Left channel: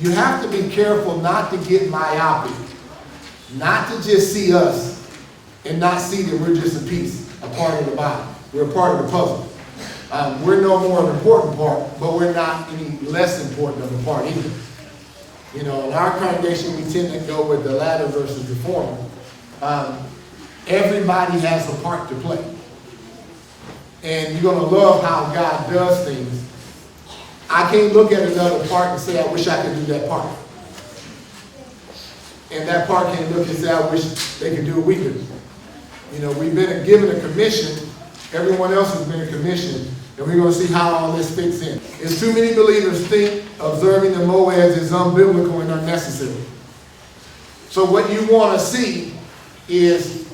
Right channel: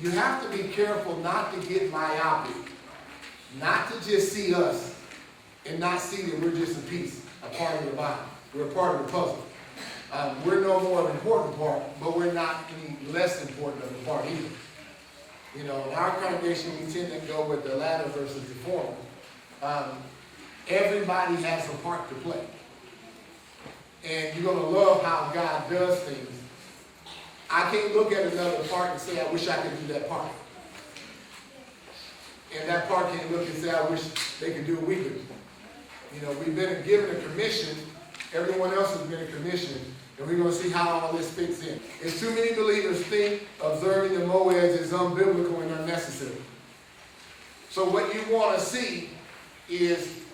you have to be careful not to get myopic, not to just see us and not see that we're just a piece, a part of the body. We're a part of the puzzle. We're no more an important part, but we're not any less important of a part either. You know, in our congregation, we tend to go with the latter versus the former. Everybody has a part to play. And you're going to love how God does things. I can't look at another part and say, I wish I could do that part. And that part can't look and say, I wish they could do it we could. You know, we've been given a commission. Everyone else has been a commission. And we're going to see how all this fits in. It's too many believers think observing the moeds is unbiblical and unnecessary. So what you want to see is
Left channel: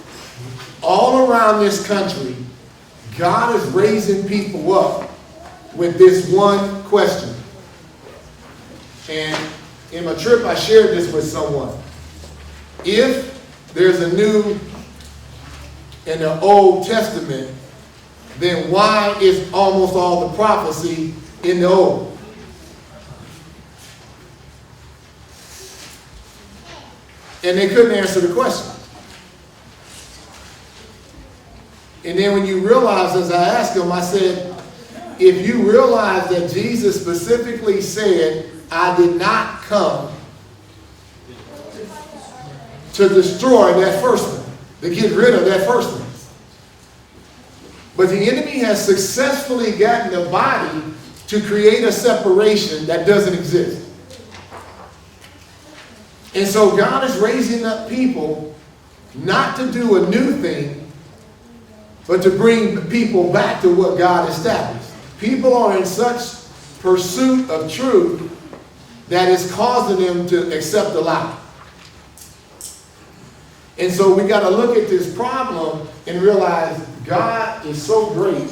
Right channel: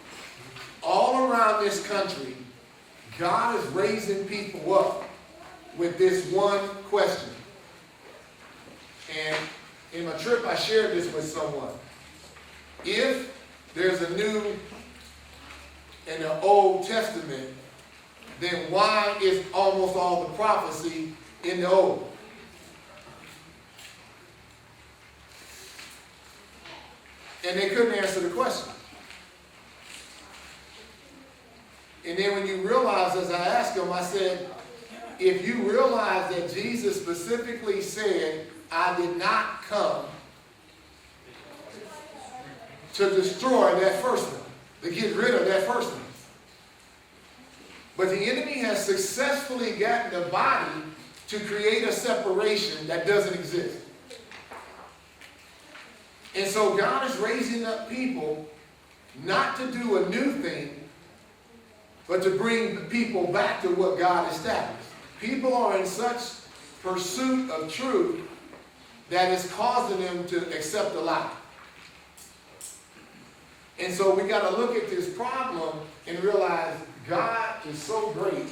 all around this country, God is raising people up with this one question. And in my trip, I shared this with someone. If there's a new and an Old Testament, then why is almost all the prophecy in the Old? And they couldn't answer the question. And then when you realize, as I asked them, I said, if you realize that Jesus specifically said, I did not come to destroy that first one, to get rid of that first one. But the enemy has successfully gotten the body to create a separation that doesn't exist. And so God is raising up people not to do a new thing, but to bring people back to what God established. People are in such pursuit of truth that is causing them to accept a lie. And so we got to look at this problem and realize God is so great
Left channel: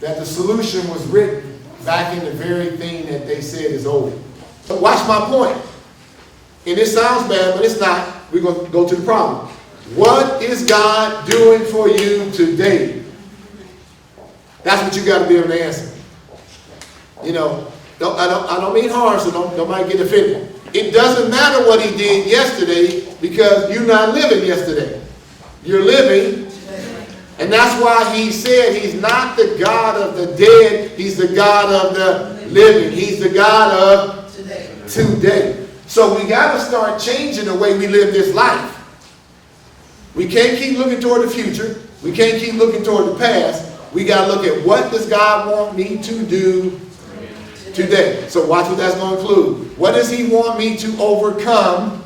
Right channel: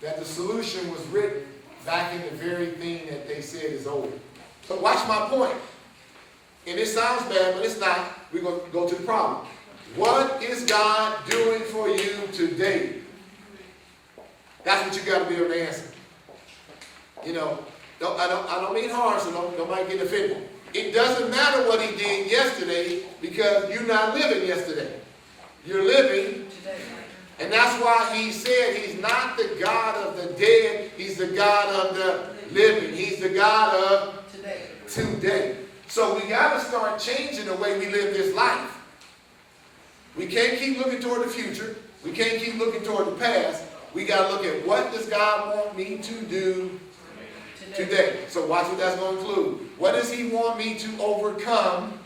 that the solution was written back in the very thing that they said is over. But watch my point. And it sounds bad, but it's not. We're going to go to the problem. What is God doing for you today? That's what you got to be able to answer. You know, I don't mean harm, so nobody get offended. It doesn't matter what he did yesterday because you're not living yesterday. You're living. And that's why he said he's not the God of the dead. He's the God of the living. He's the God of today. So we got to start changing the way we live this life. We can't keep looking toward the future. We can't keep looking toward the past. We got to look at what does God want me to do today. So watch what that's going to include. What does he want me to overcome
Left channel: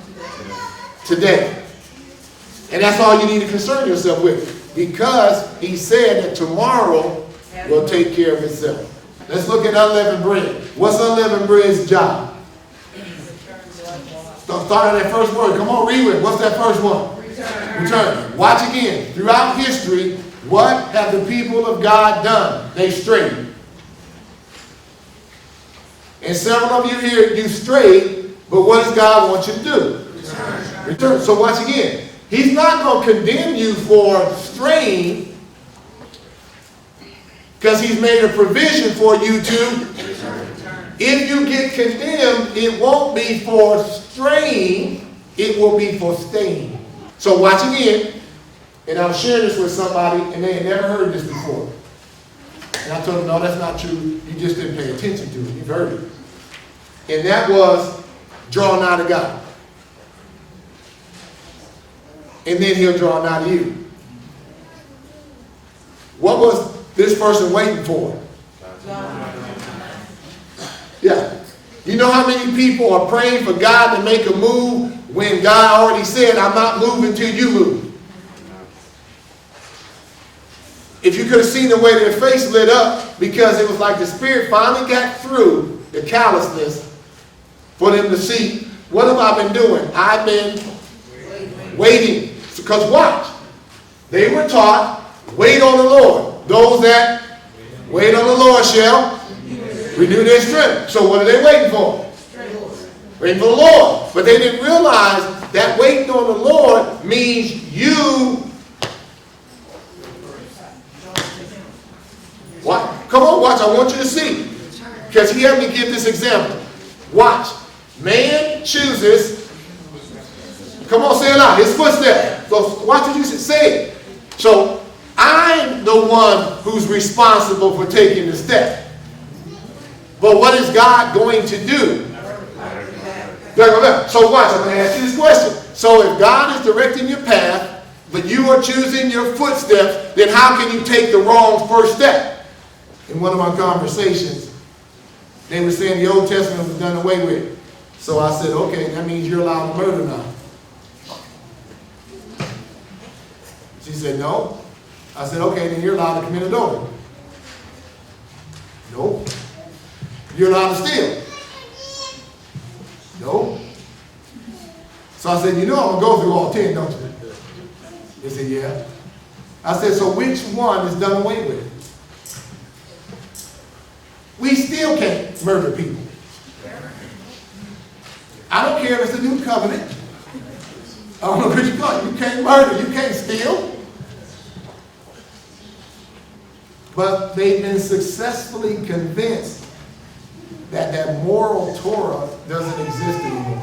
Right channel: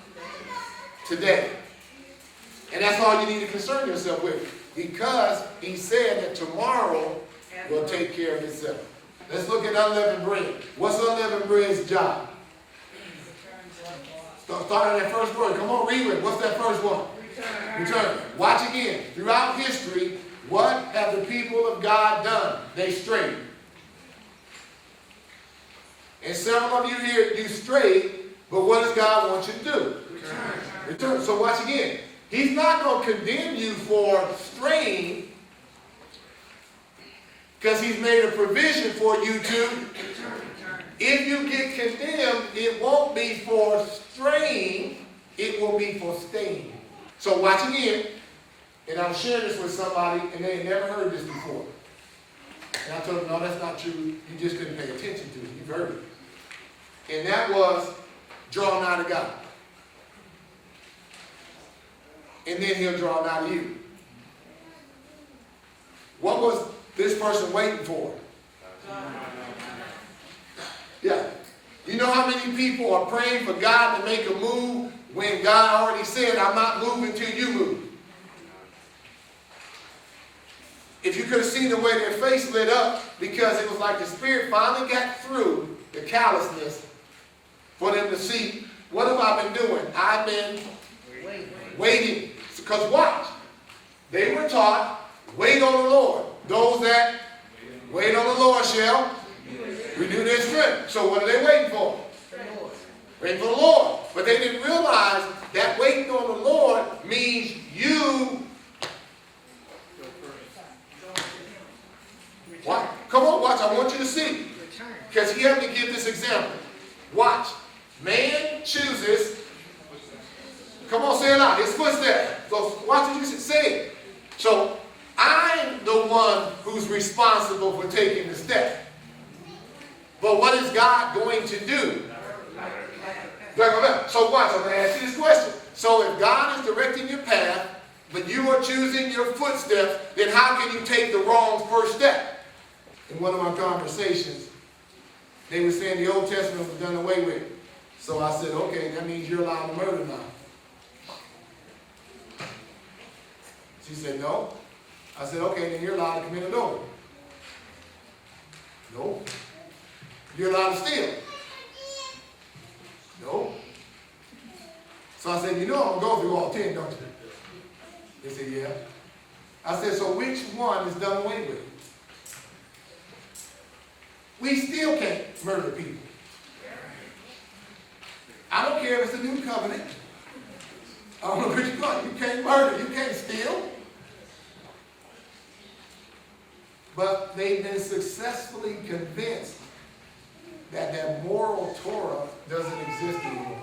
today? And that's all you need to concern yourself with. Because he said that tomorrow will take care of itself. Let's look at unleavened bread. What's unleavened bread's job? Start at that first word. Come on, read it. What's that first one? Return. Watch again. Throughout history, what have the people of God done? They strayed. And several of you here, you strayed, but what does God want you to do? Return. So watch again. He's not going to condemn you for straying because he's made a provision for you to. If you get condemned, it won't be for straying, it will be for staying. So watch again, and I'll share this with somebody, and they had never heard this before. And I told them, no, that's not true. You just didn't pay attention to it. You've heard it. And that was draw nigh to God. And then he'll draw nigh to you. What was this person waiting for? Yeah. You know how many people are praying for God to make a move when God already said, I'm not moving till you move? If you could have seen the way their face lit up, because it was like the Spirit finally got through the callousness for them to see, what have I been doing? I've been waiting. Because watch, they were taught, wait on the Lord. Those that wait on the Lord shall renew their strength. So what are they waiting for? Waiting for the Lord. But they didn't realize that waiting on the Lord means you. What? Come on, watch. I want you to see. Because he had me give this example. Watch. Man chooses. Come on, say it loud. His footsteps. So watch what you say it. So I'm the one who's responsible for taking the step. But what is God going to do? So watch, I'm going to ask you this question. So if God is directing your path, but you are choosing your footsteps, then how can you take the wrong first step? In one of my conversations, they were saying the Old Testament was done away with. So I said, okay, that means you're allowed to murder now. She said, no. I said, okay, then you're allowed to commit adultery. No. You're allowed to steal. No. So I said, you know I'm going to go through all 10, don't you? They said, yeah. I said, so which one is done away with? We still can't murder people. I don't care if it's a new covenant. I don't know what you call it. You can't murder. You can't steal. But they've been successfully convinced that that moral Torah doesn't exist anymore.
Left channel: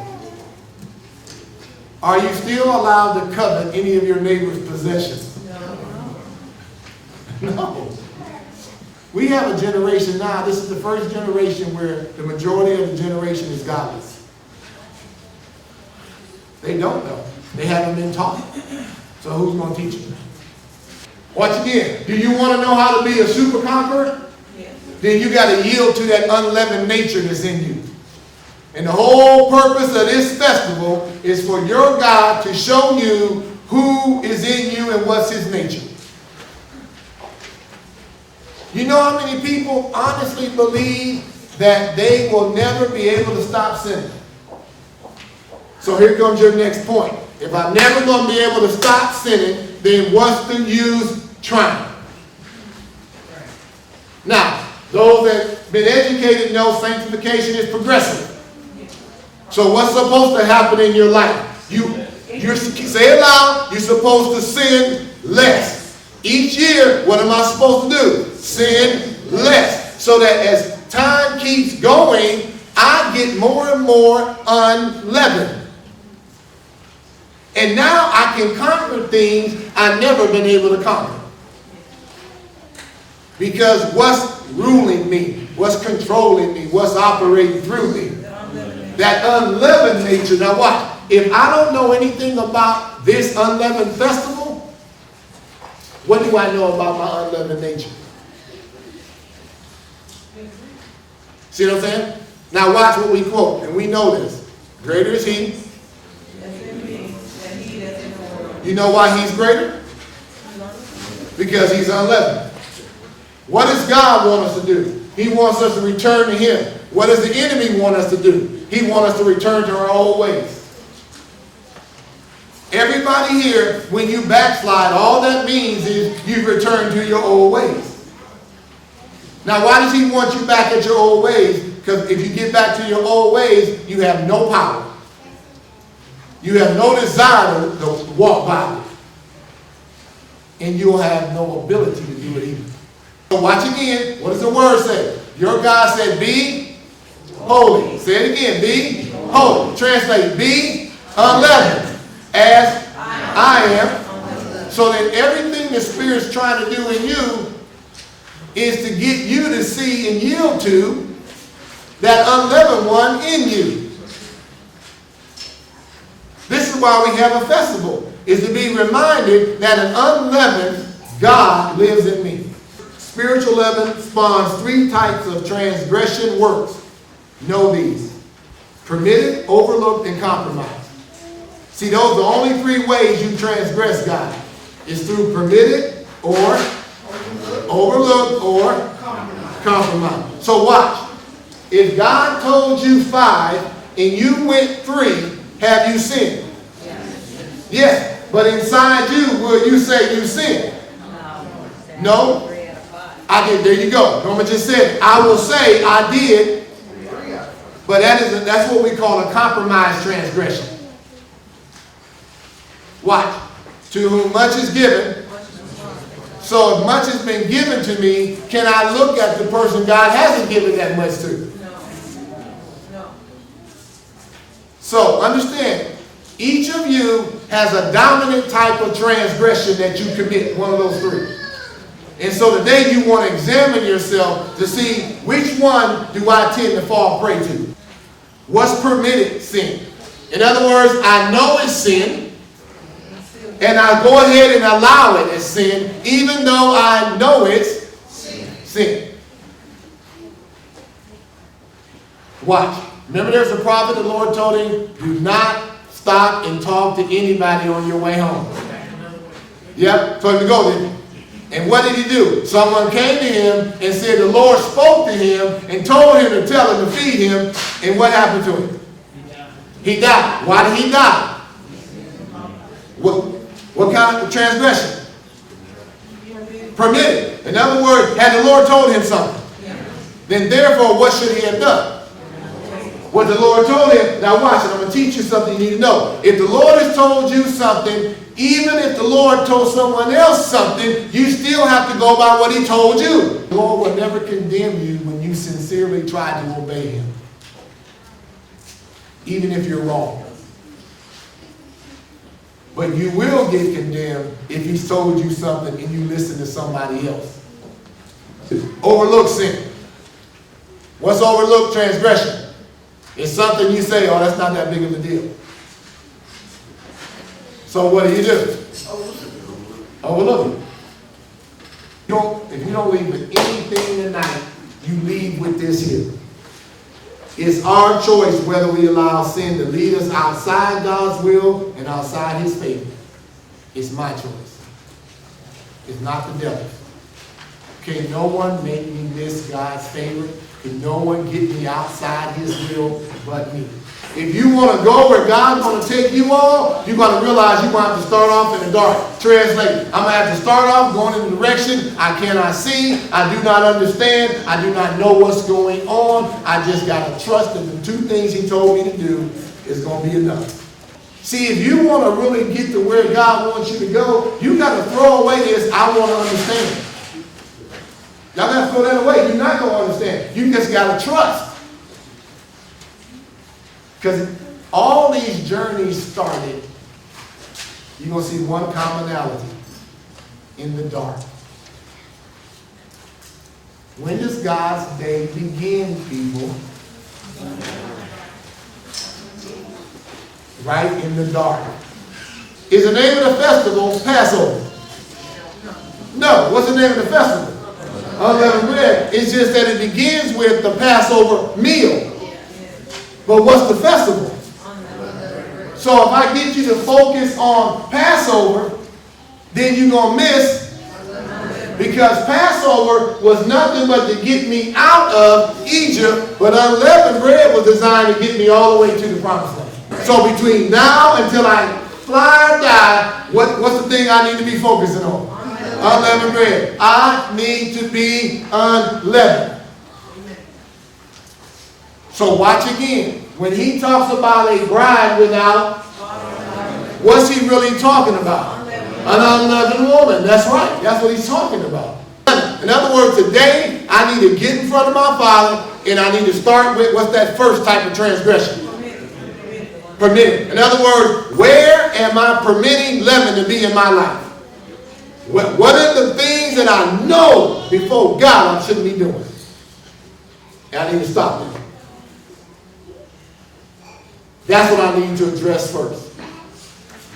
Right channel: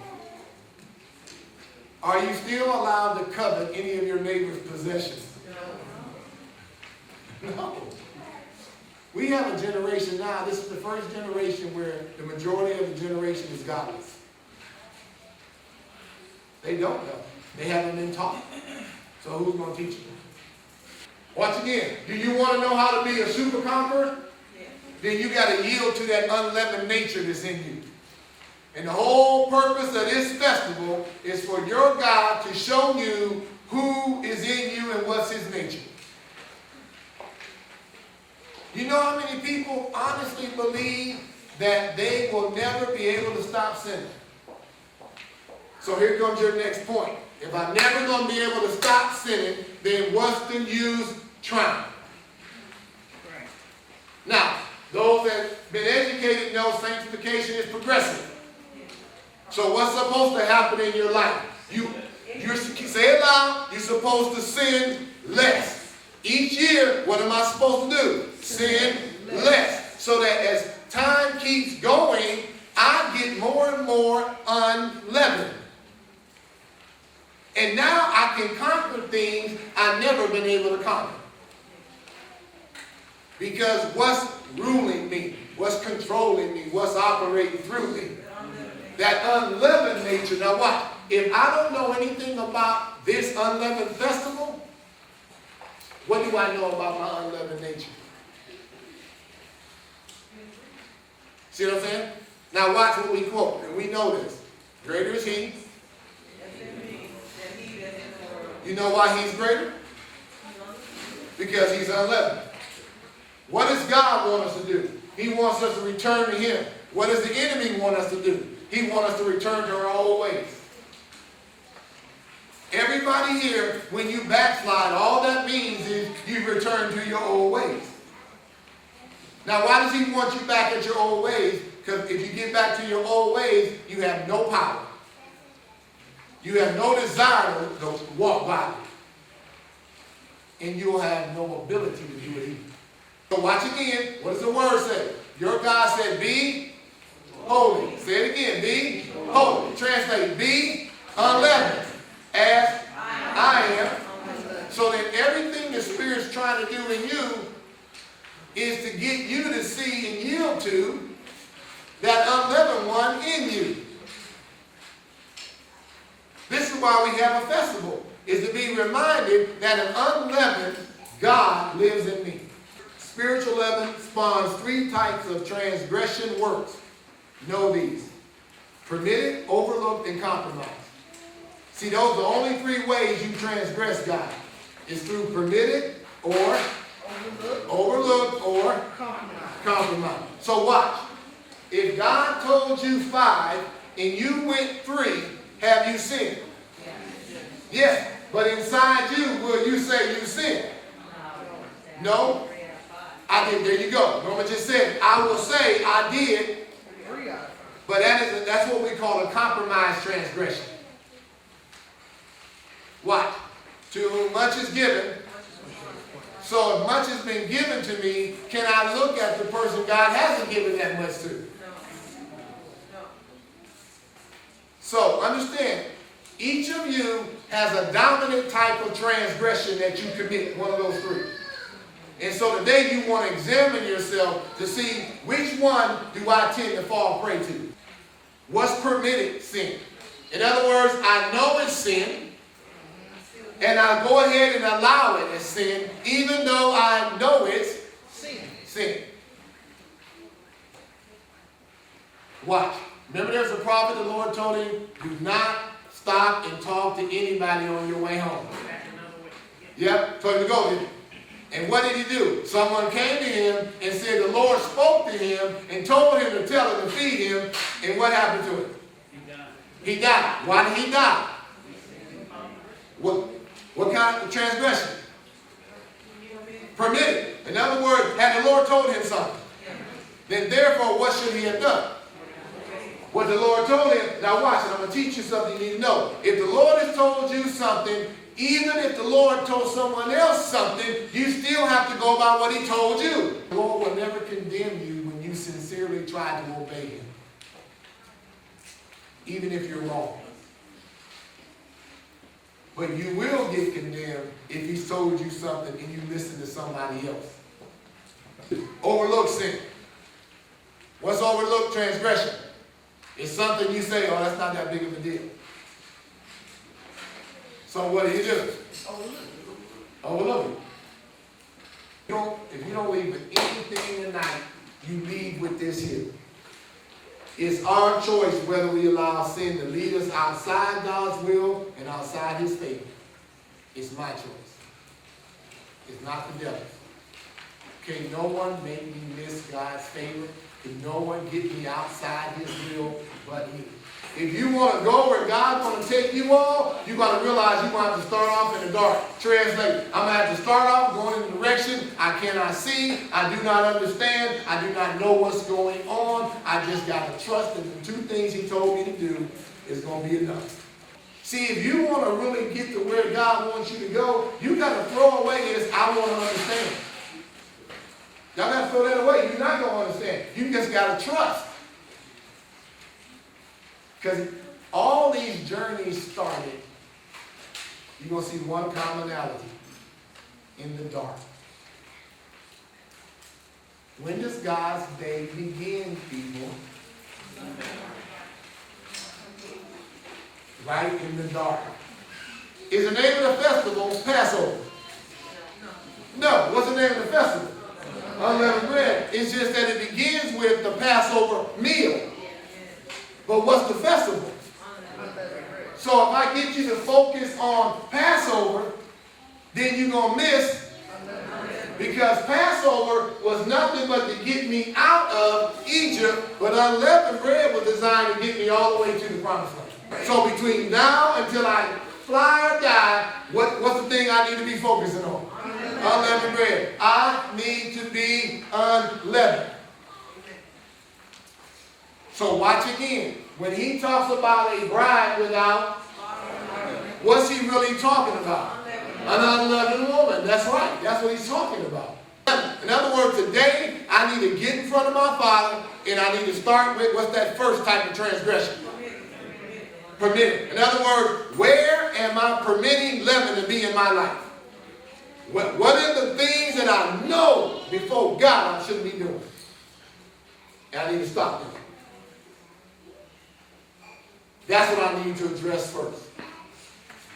Are you still allowed to covet any of your neighbor's possessions? No. No. We have a generation now, this is the first generation where the majority of the generation is godless. They don't know. They haven't been taught. So who's going to teach them? Once again, do you want to know how to be a super conqueror? Yes. Then you got to yield to that unleavened nature that's in you. And the whole purpose of this festival is for your God to show you who is in you and what's his nature. You know how many people honestly believe that they will never be able to stop sinning? So here comes your next point. If I'm never going to be able to stop sinning, then what's the use trying? Now, those that have been educated know sanctification is progressive. So what's supposed to happen in your life? You say it loud, you're supposed to sin less. Each year, what am I supposed to do? Sin less. So that as time keeps going, I get more and more unleavened. And now I can conquer things I've never been able to conquer. Because what's ruling me? What's controlling me? What's operating through me? That unleavened nature. Now watch. If I don't know anything about this unleavened festival, what do I know about my unleavened nature? See what I'm saying? Now watch what we quote, and we know this. Greater is he. You know why he's greater? Because he's unleavened. What does God want us to do? He wants us to return to him. What does the enemy want us to do? He wants us to return to our old ways. Everybody here, when you backslide, all that means is you've returned to your old ways. Now, why does he want you back at your old ways? Because if you get back to your old ways, you have no power. You have no desire to walk by it. And you'll have no ability to do it either. So watch again. What does the word say? Your God said, be holy. Say it again. Be holy. Translate, be unleavened as I am. So that everything the Spirit's trying to do in you is to get you to see and yield to that unleavened one in you. This is why we have a festival, is to be reminded that an unleavened God lives in me. Spiritual leaven spawns 3 types of transgression works. Know these: permitted, overlooked, and compromised. See, those are the only 3 ways you transgress God. It's through permitted, or overlooked, or compromised. So watch. If God told you 5 and you went 3, have you sinned? Yes. But inside you, will you say you sinned? No. I did. There you go. Norma just said, I will say I did. But that's what we call a compromised transgression. Watch. To whom much is given, so if much has been given to me, can I look at the person God hasn't given that much to? No. So understand, each of you has a dominant type of transgression that you commit, one of those three. And so today you want to examine yourself to see which one do I tend to fall prey to. What's permitted sin? In other words, I know it's sin, and I go ahead and allow it as sin, even though I know it's sin. Watch. Remember, there's a prophet, the Lord told him, do not stop and talk to anybody on your way home. Yep, told him to go, didn't he? And what did he do? Someone came to him and said the Lord spoke to him and told him to tell him to feed him. And what happened to him? He died. Why did he die? What kind of transgression? Permitted. In other words, had the Lord told him something, then therefore what should he have done? What the Lord told him. Now watch it. I'm going to teach you something you need to know. If the Lord has told you something, even if the Lord told someone else something, you still have to go by what he told you. The Lord will never condemn you when you sincerely try to obey him, even if you're wrong. But you will get condemned if he's told you something and you listen to somebody else. Overlook sin. What's overlooked transgression? It's something you say, oh, that's not that big of a deal. So what do? Overlook it. If you don't leave with anything tonight, you leave with this here. It's our choice whether we allow sin to lead us outside God's will and outside his favor. It's my choice. It's not the devil's. Can no one make me miss God's favor? Can no one get me outside his will but me? If you want to go where God's going to take you all, you're going to realize you're going to have to start off in the dark. Translate. I'm going to have to start off going in a direction I cannot see. I do not understand. I do not know what's going on. I just got to trust that the two things he told me to do is going to be enough. See, if you want to really get to where God wants you to go, you got to throw away this I want to understand. Y'all got to throw that away. You're not going to understand. You just got to trust. Because all these journeys started, you're going to see one commonality: in the dark. When does God's day begin, people? Right in the dark. Is the name of the festival Passover? No. What's the name of the festival? Unleavened bread. It's just that it begins with the Passover meal. But what's the festival? So if I get you to focus on Passover, then you're going to miss, because Passover was nothing but to get me out of Egypt, but unleavened bread was designed to get me all the way to the promised land. So between now until I fly or die, what's the thing I need to be focusing on? Unleavened bread. I need to be unleavened. So watch again. When he talks about a bride without, what's he really talking about? An unleavened woman. That's right. That's what he's talking about. In other words, today I need to get in front of my Father, and I need to start with, what's that first type of transgression? Permitted. In other words, where am I permitting leaven to be in my life? What are the things that I know before God I shouldn't be doing? And I need to stop them. That's what I need to address first.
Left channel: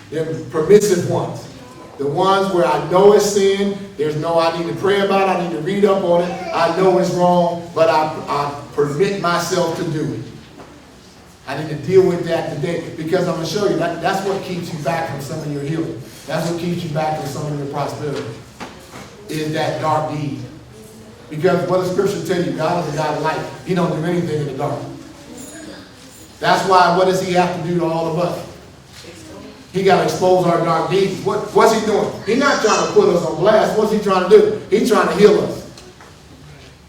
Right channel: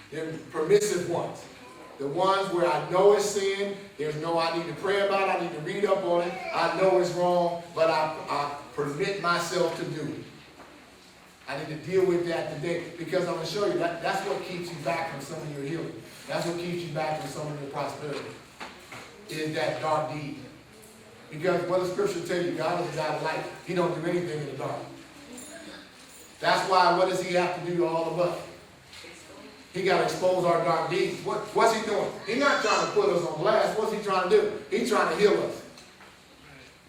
The permissive ones. The ones where I know it's sin. There's no, I need to pray about it. I need to read up on it. I know it's wrong, but I permit myself to do it. I need to deal with that today, because I'm going to show you that's what keeps you back from some of your healing. That's what keeps you back from some of your prosperity, is that dark deed. Because what does Scripture tell you? God is a God of light. He don't do anything in the dark. That's why, what does he have to do to all of us? He got to expose our dark deeds. What's he doing? He's not trying to put us on blast. What's he trying to do? He's trying to heal us.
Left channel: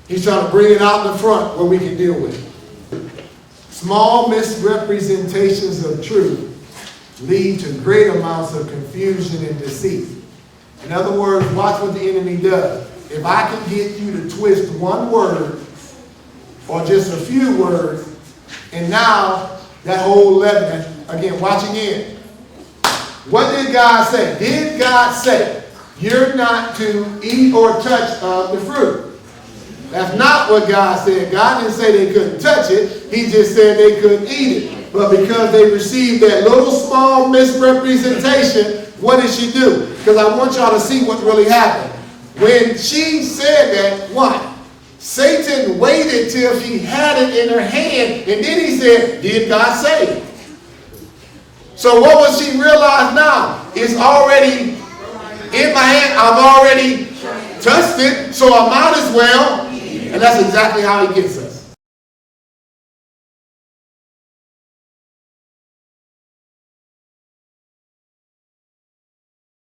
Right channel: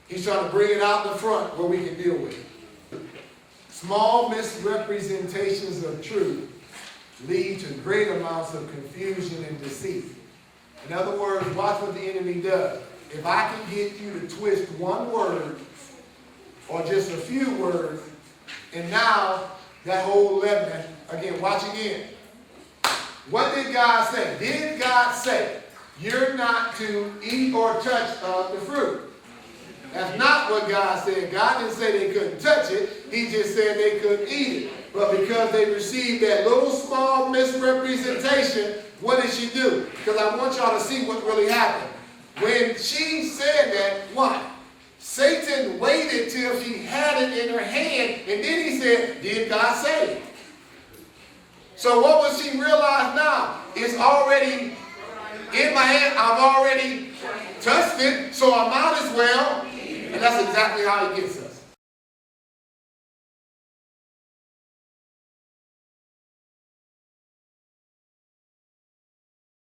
He's trying to bring it out in the front where we can deal with it. Small misrepresentations of truth lead to great amounts of confusion and deceit. In other words, watch what the enemy does. If I can get you to twist one word or just a few words, and now That whole leaven. Again, watch again. What did God say? Did God say, you're not to eat or touch of the fruit? That's not what God said. God didn't say they couldn't touch it. He just said they couldn't eat it. But because they received that little small misrepresentation, what did she do? Because I want y'all to see what really happened. When she said that, what? Satan waited till she had it in her hand, and then he said, did God say it? So what was she realized now? It's already in my hand. I've already touched it, so I might as well. And that's exactly how he gets her.